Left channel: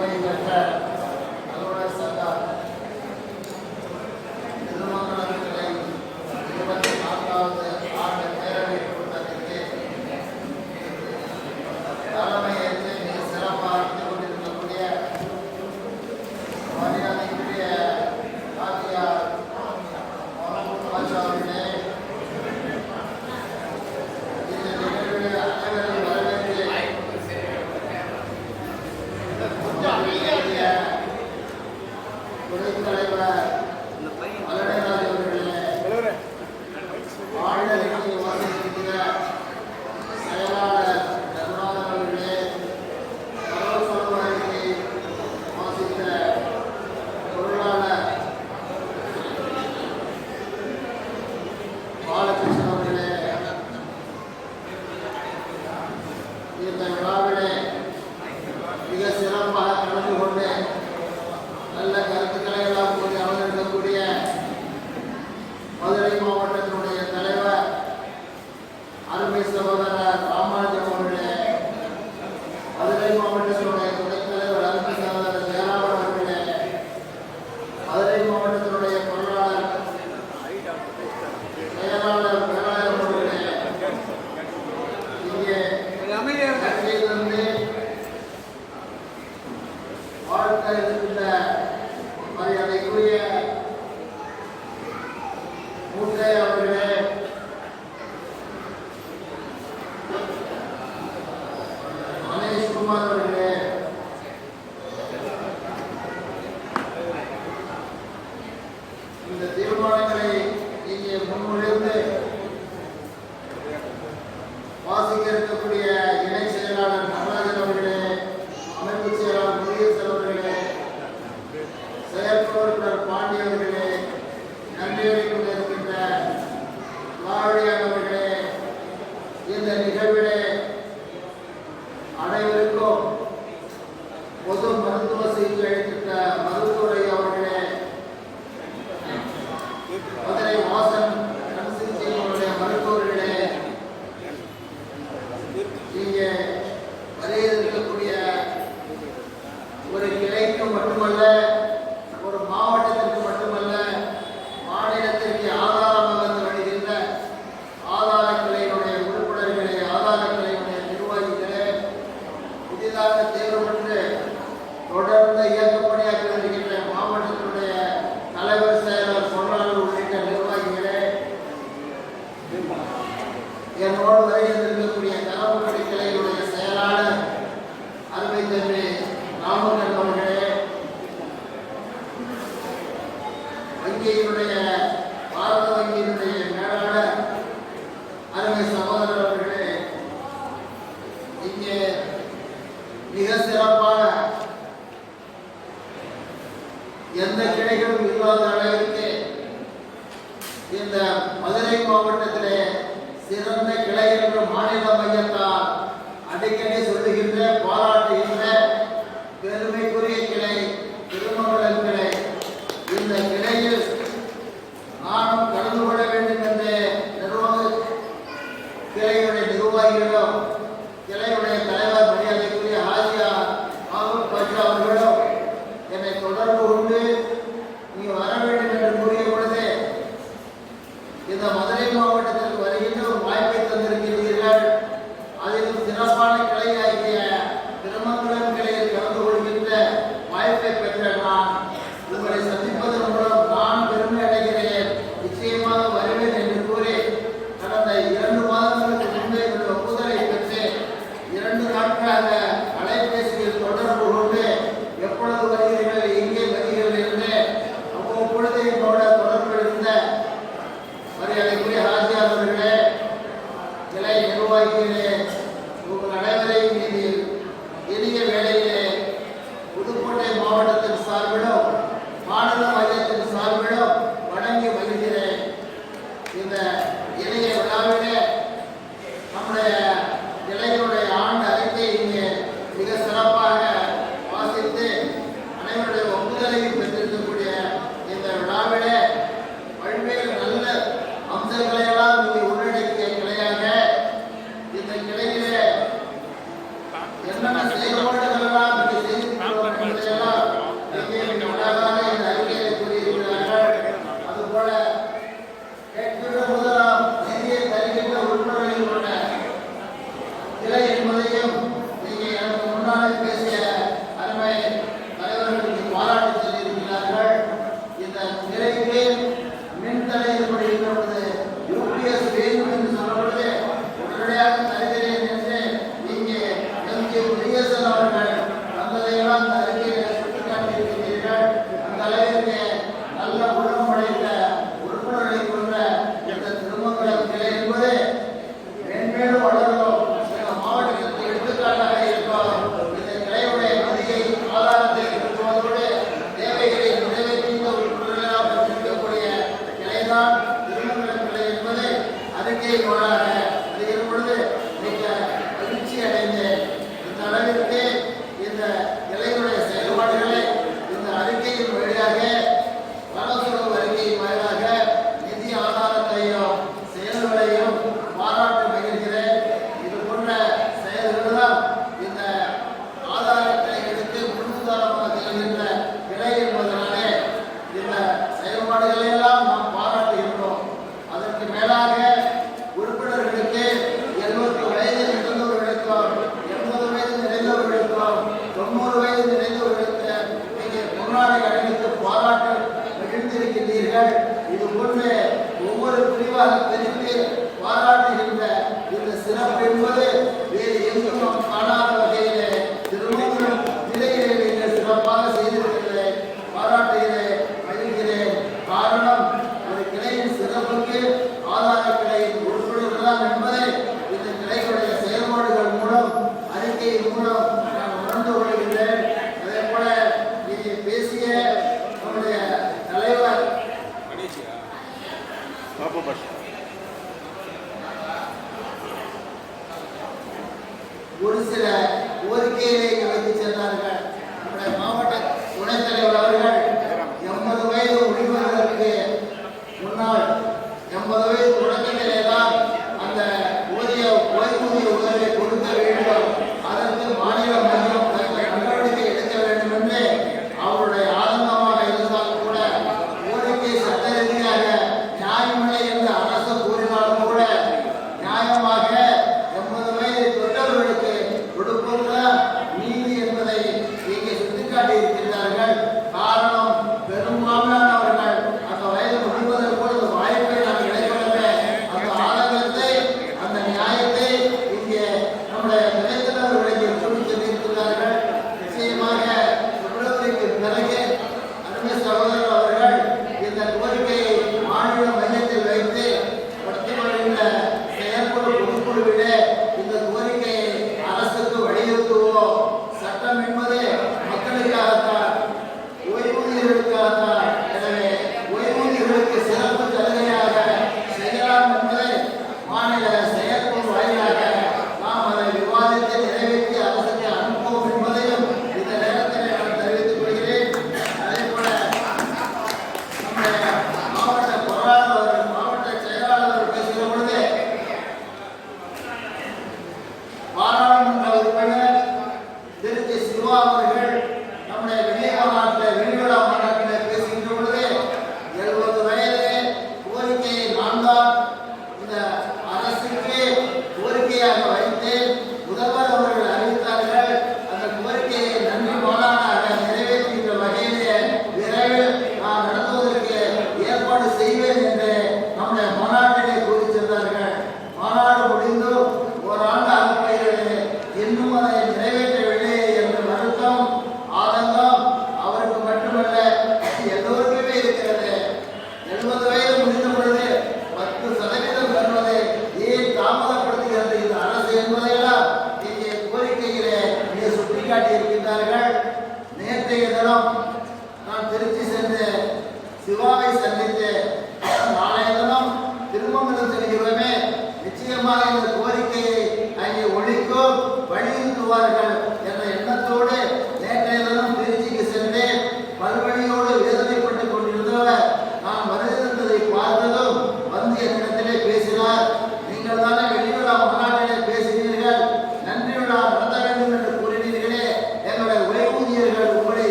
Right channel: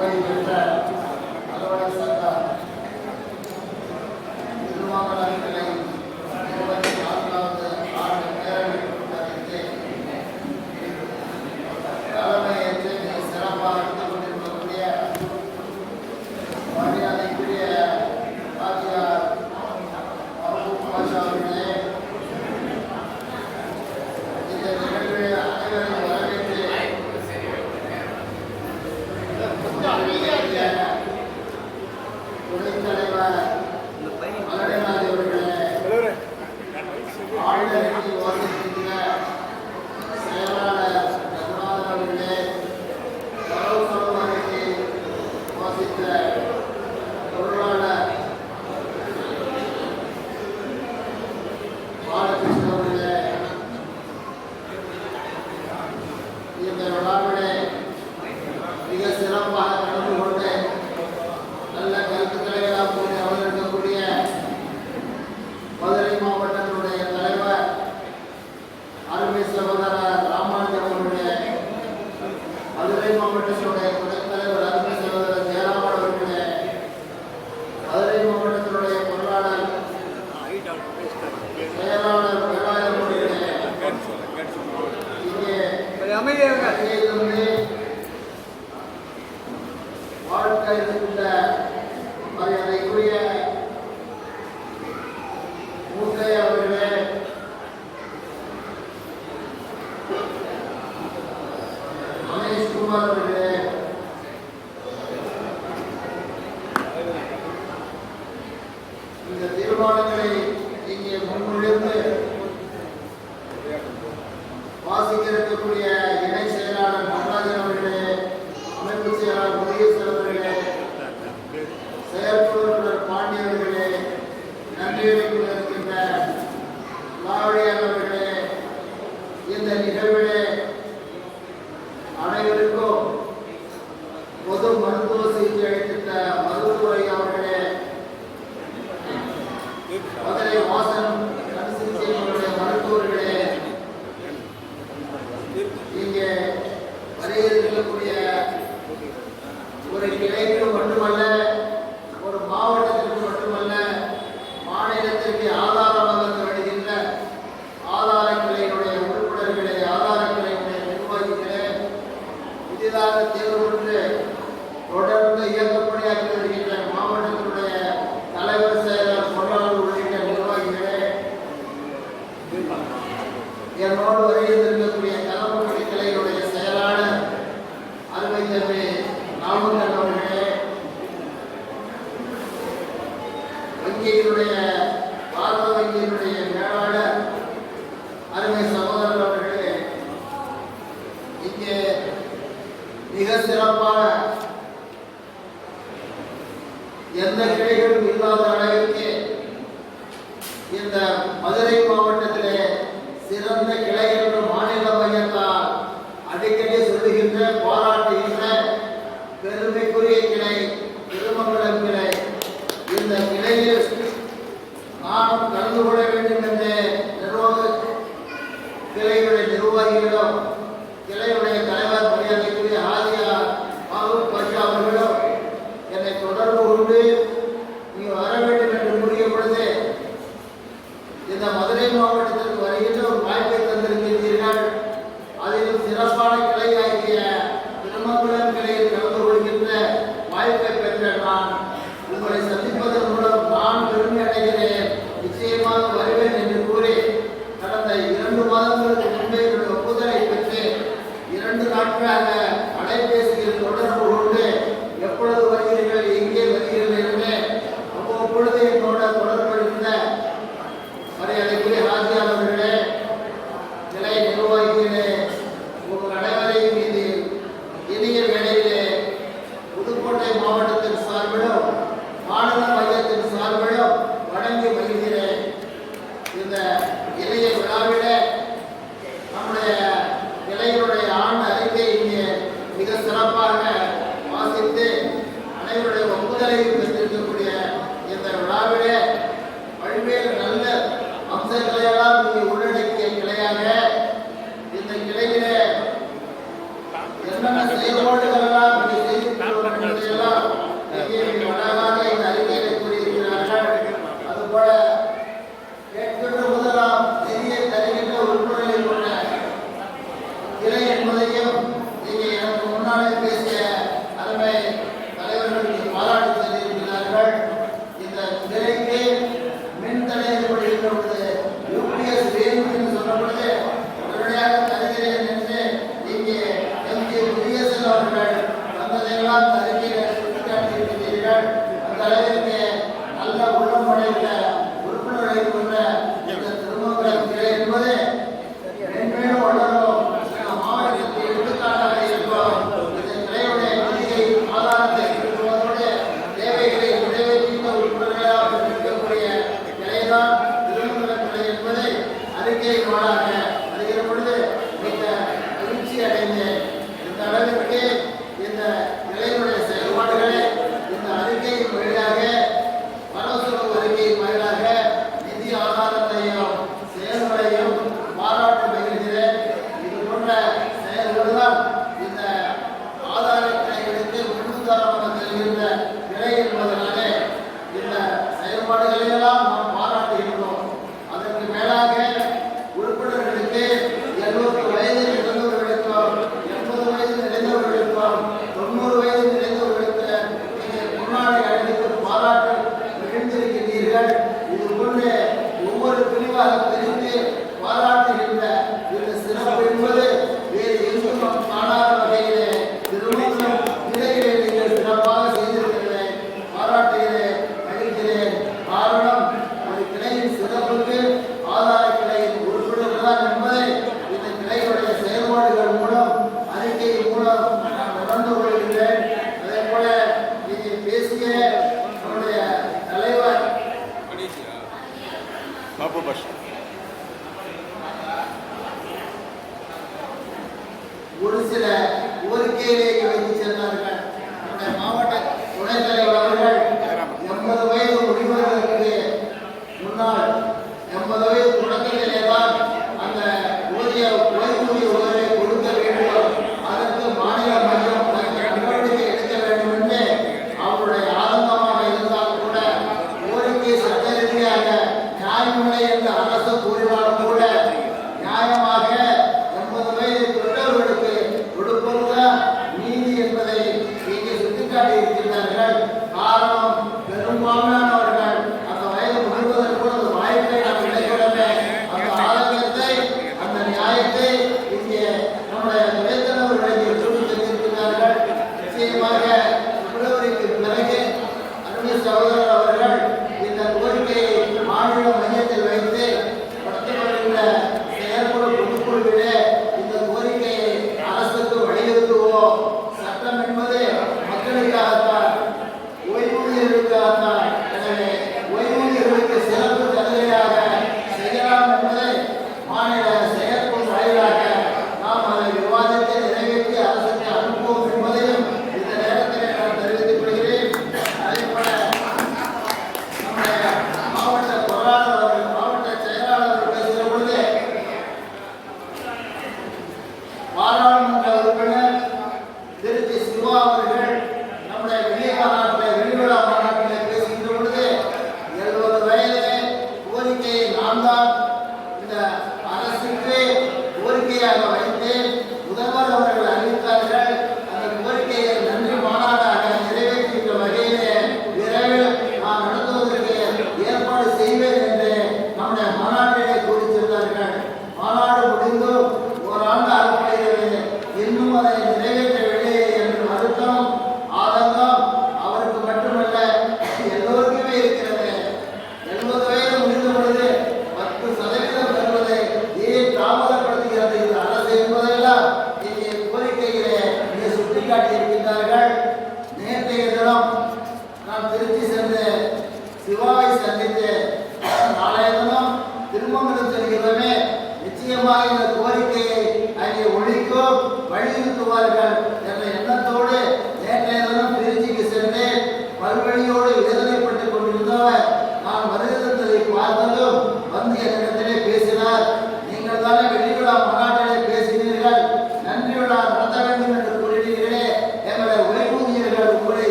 ஓய்வு பெற்ற அலுவலர் சங்கம் திருமங்கலம் கிளை வாழ்க்கையில் உள்ள மரியாதைக்குரிய பொது மருத்துவ சிகிச்சை அளித்த மருத்துவரை அவர்களே மதுரை வாசன் கண் சிகிச்சைகளுடைய மருத்துவர்களே இங்கே வரையிருக்கக்கூடிய ஒரு கிளைக்கு மட்டுமல்ல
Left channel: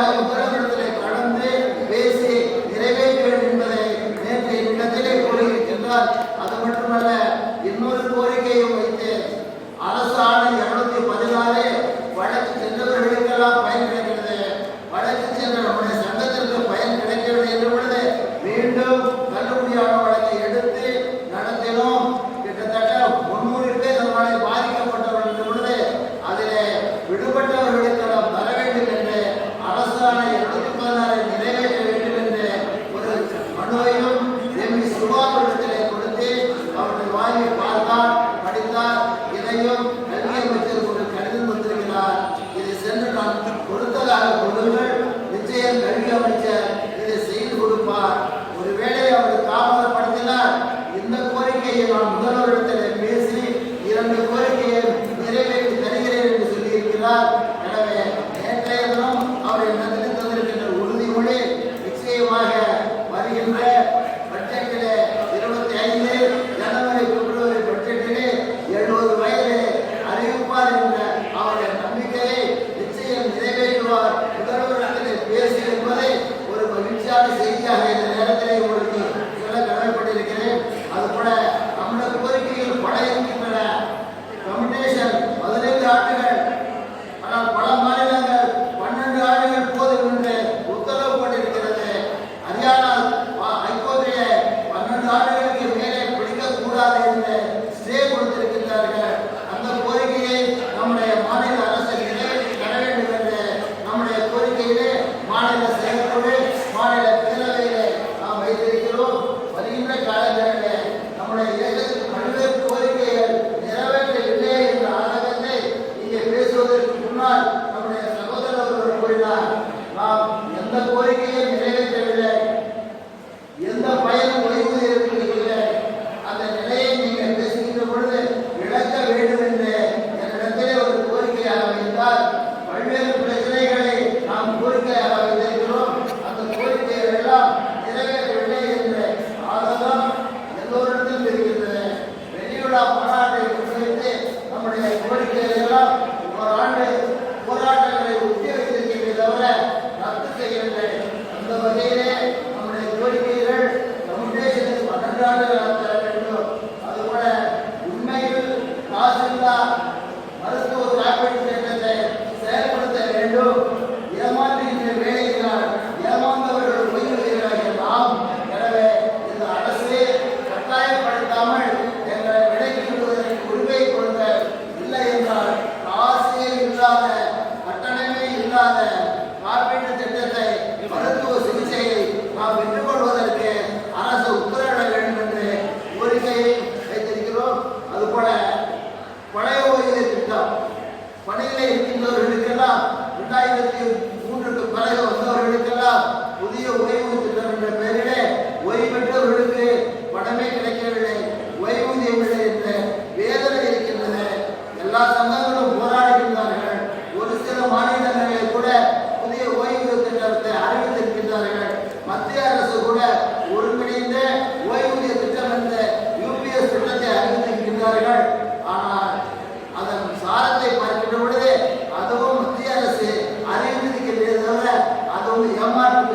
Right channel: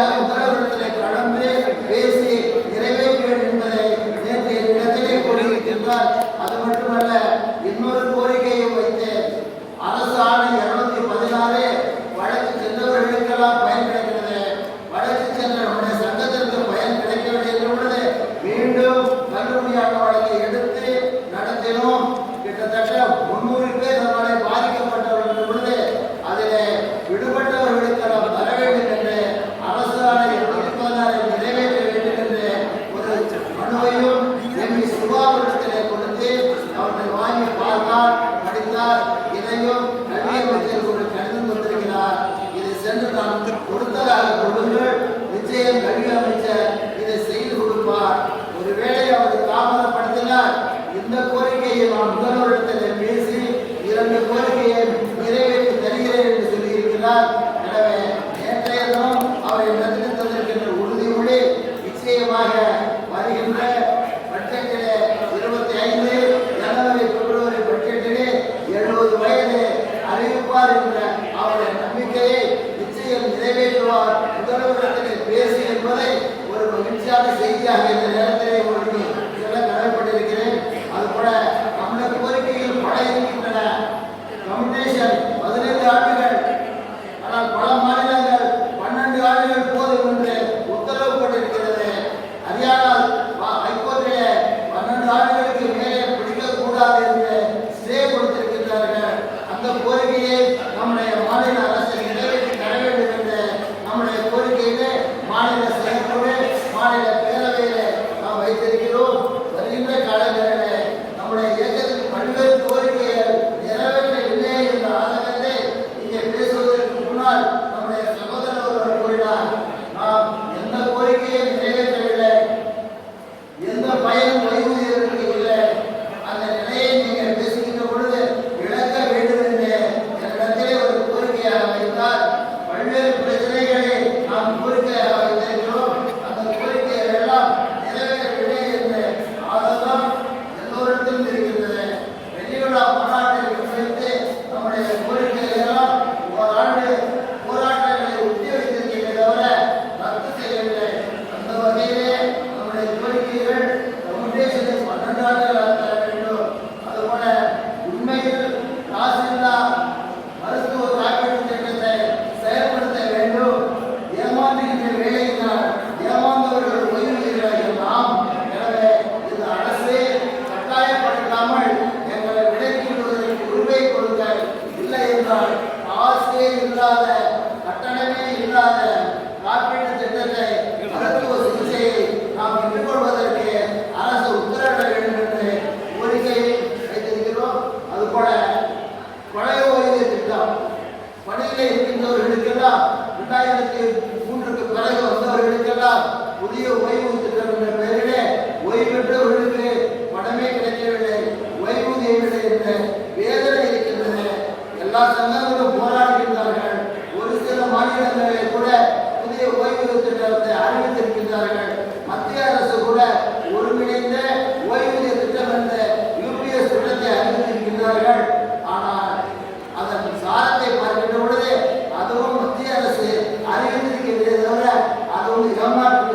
Bible.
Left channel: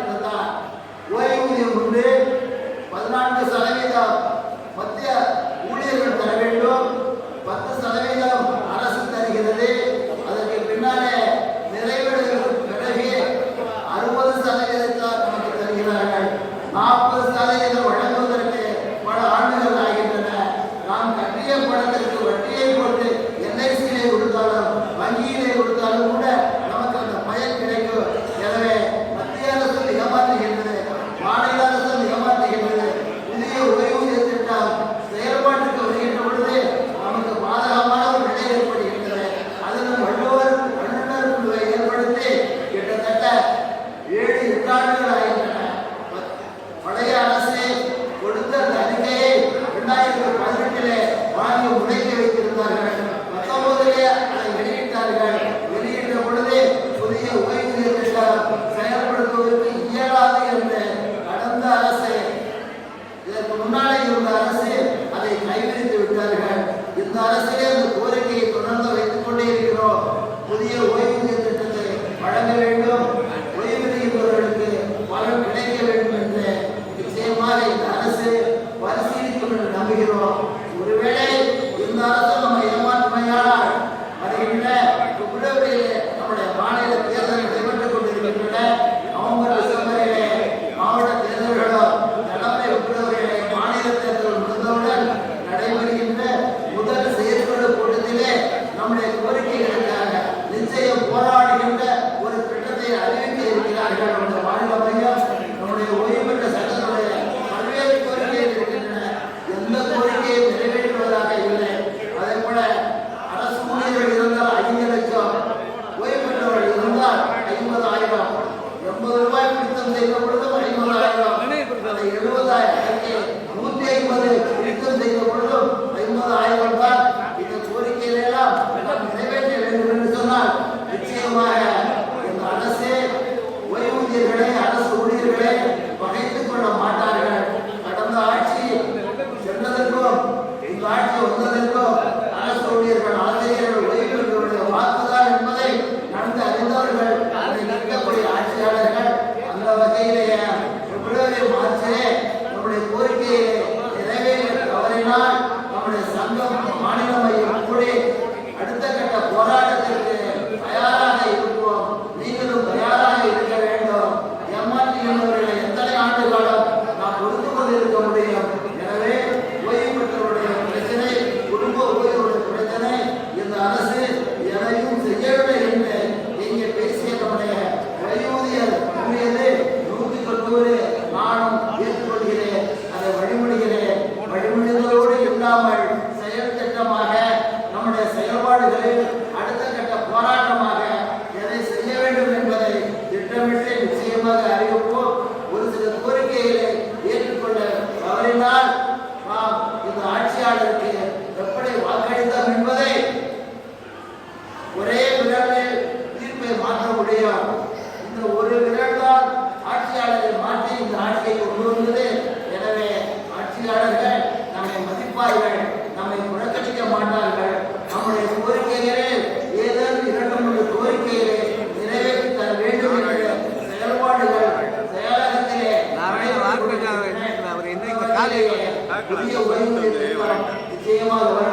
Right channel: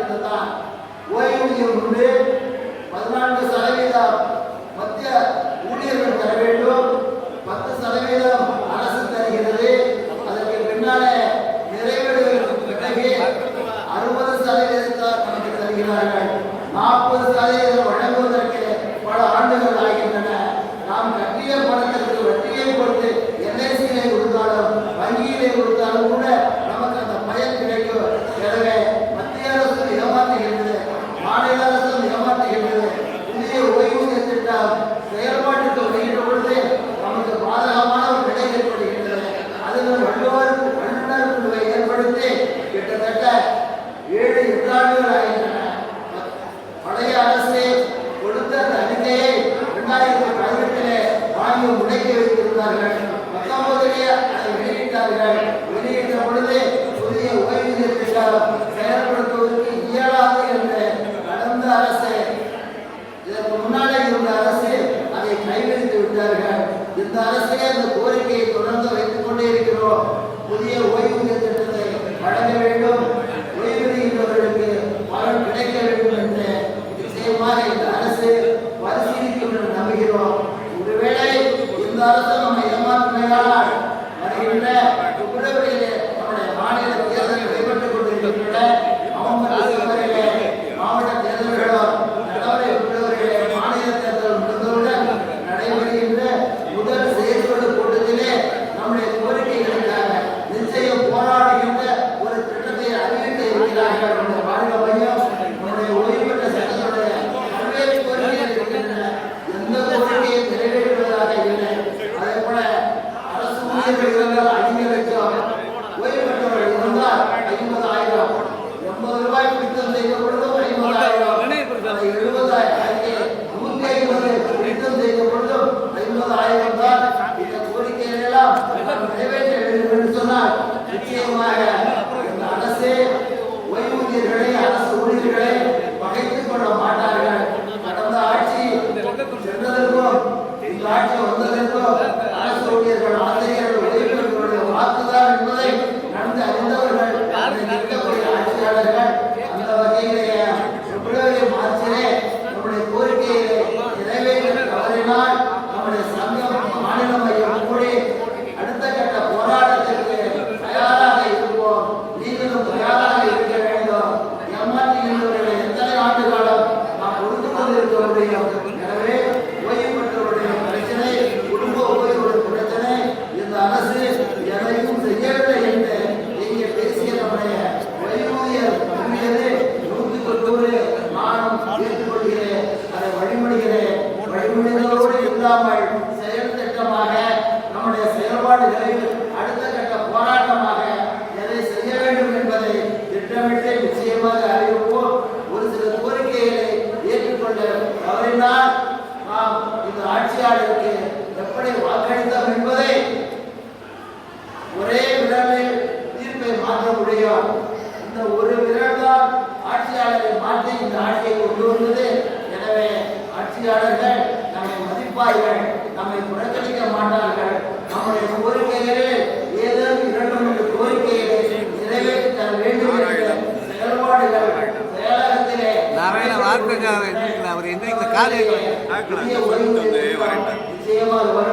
ஏமாற்று ஓய்வூதியம் உண்டு. பதினான்கு சதவீதம் மத்திய ஊழியர்கள் வெளியிடுவார்கள் வெளியிட்ட பொழுது புதிய ஓய்வூதிய திட்டம் செயல்படுத்துவதற்கு அரசு இதற்கு முன்னாலே அரசு அதை கைவிரித்து விட்டார்கள். இந்த அரசிலே இந்த கோரிக்கையை தொடர்ந்து வைத்துக் கொண்டே இருக்கிறோம். புதிய ஓய்வூதிய திட்டத்தை வழங்க வேண்டும். வேலைகளை புதிய ஓய்வூதிய நிச்சயமாக வர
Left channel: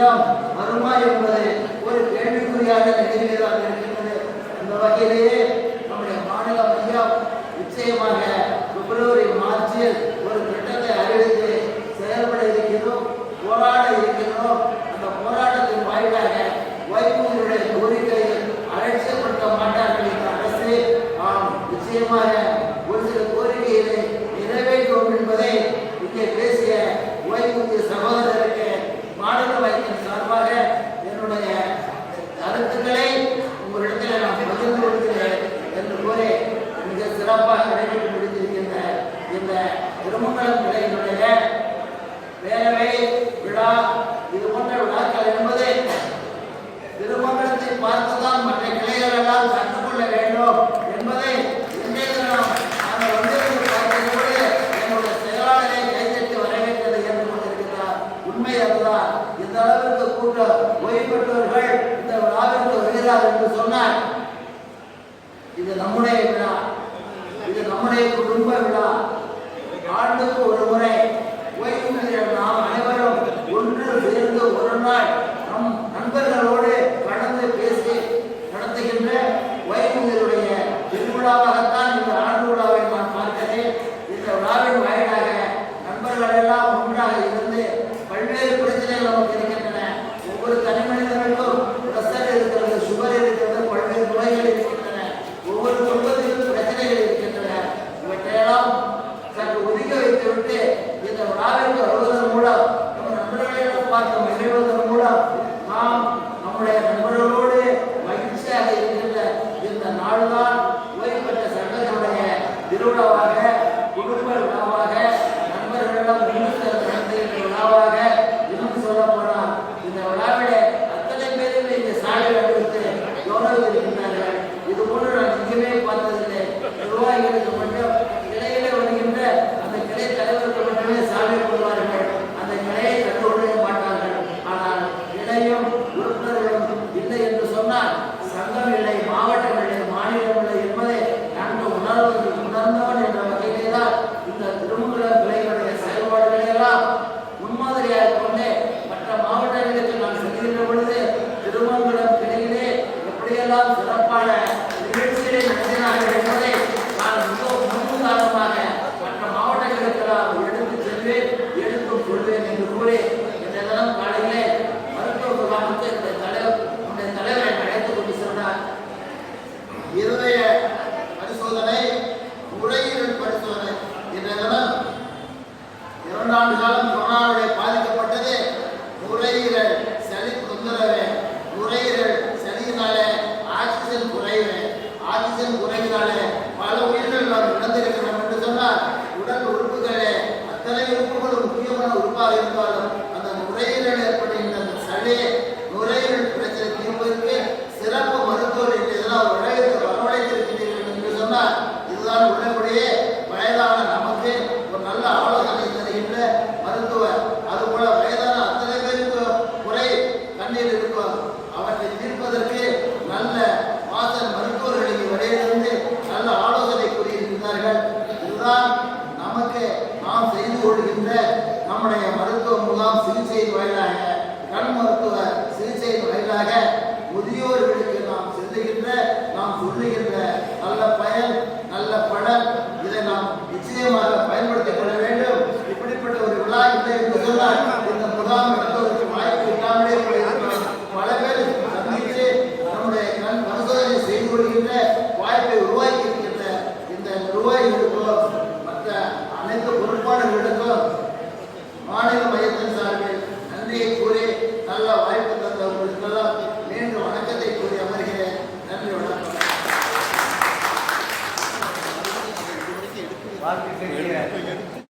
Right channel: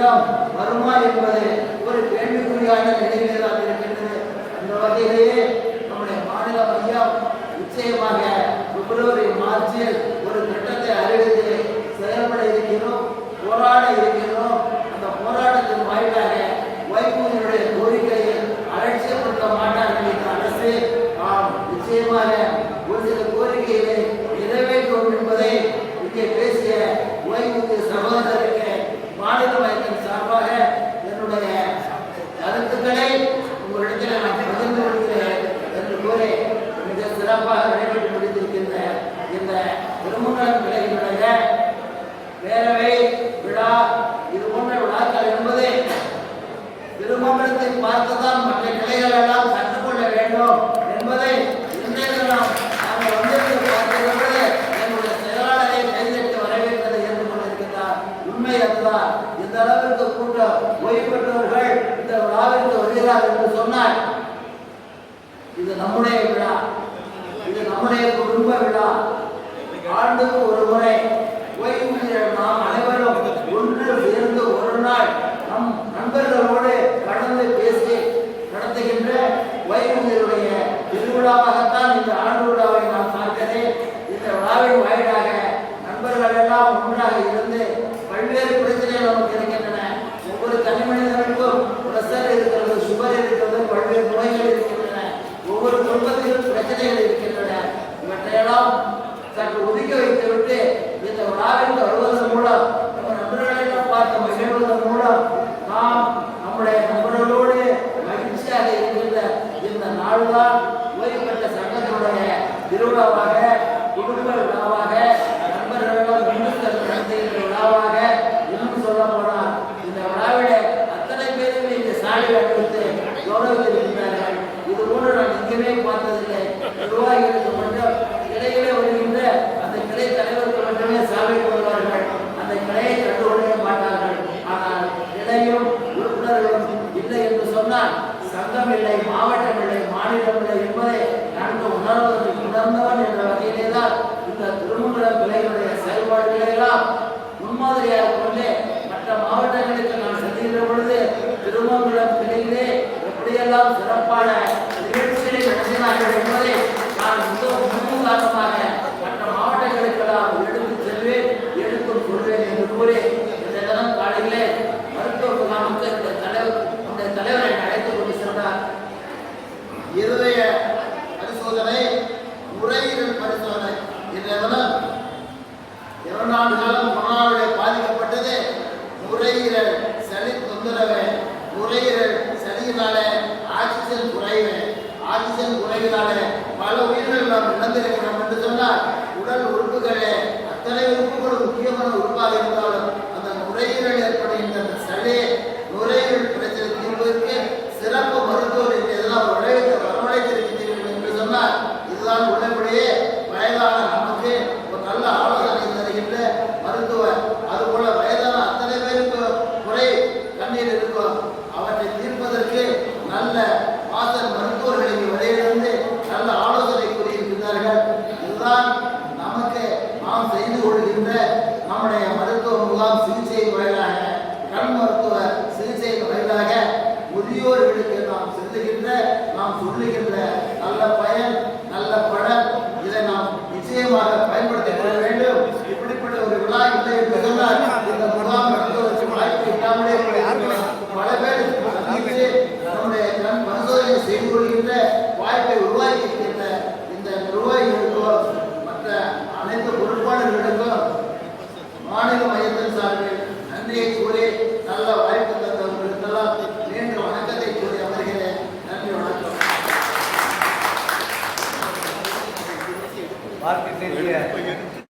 யுத்தம் வருமா என்பது ஒரு கேள்விக்குறியாக நிலையில்தான் இருக்கின்றது. அந்த வகையிலேயே நம்முடைய மாநில மையம் நிச்சயமாக பிப்ரவரி மார்ச்சில் ஒரு திட்டத்தை அறிவித்து செயல்பட இருக்கிறோம் போராட இருக்கிறோம் அந்த போராட்டத்தின் வாயிலாக வைகுந்தருடைய கோரிக்கையை அலட்சியப்படுத்த மாட்டார்கள் இந்த அரசு ஆம். நிச்சயமாக ஒரு சில கோரிக்கைகளை நிறைவேற்றும் என்பதை இங்கே பேசி என்னுடைய கருத்துக்களை உங்களிடத்தில் நான் பகிர்ந்து கொள்கிறேன் என்று கூறி மிக சிறப்பாக நிறைவேற்றி முடித்திருக்கின்ற இந்த திருமணம் கிளையினுடைய வேலை ஓய்வுபெற்றவர்கள் இந்த விழாவிற்கு வருகிறார் என்று சொன்னார் இது நம்முடைய விழா. இது நம்முடைய குடும்ப விழா. ஆண்டுக்கு ஒரு முறை ஆண்டு காலம் கொரோனாவுடைய பாதிக்கப்பட்டது. நுரையீரல் சளி தொந்தரவு. நுரையீரல் சளியினால ஆக்சிஜன் குறைவு. ஆக்சிஜன் குறைவினால பல உயிர்கள் நாம் இழந்திருக்கிறோம் என்று சொன்னால் உடல் உறுப்புகளே அத்தனை உறுப்புகளும் முக்கியமான உறுப்பாக இருந்தாலும் அந்த நுரையீரல் ஏற்படுகின்ற அந்த சளி நுரையீரல் பிரச்சனை தீர்வதற்கு சிறப்பு மருத்துவர் என்று எதனால் உழைத்து வரவழைத்திருக்கிறீர்கள் என்று சொன்னால் இதுதான் நம்முடைய மருத்துவ முகாம் சிகிச்சை வாயிலாக கண் மருத்துவ சிகிச்சை வாயிலாக முதியோர்களுக்கு நாம் செல்லுகின்ற நாம் சொல்லுகின்ற நல்ல பயன் நல்ல பலன் இதை நாம் நிச்சயமாக பயன்படுத்திக் கொள்ள வேண்டும். இப்படிப்பட்ட ஒரு விழா இல்லை என்று சொன்னால் இந்த முகாம் நடத்துவதற்கு வாய்ப்பு இல்லாமலே பல பேர் சந்தித்து நம்முடைய கண் பரிசோதனை செய்து கொள்கின்ற வாய்ப்பை உருவாக்கி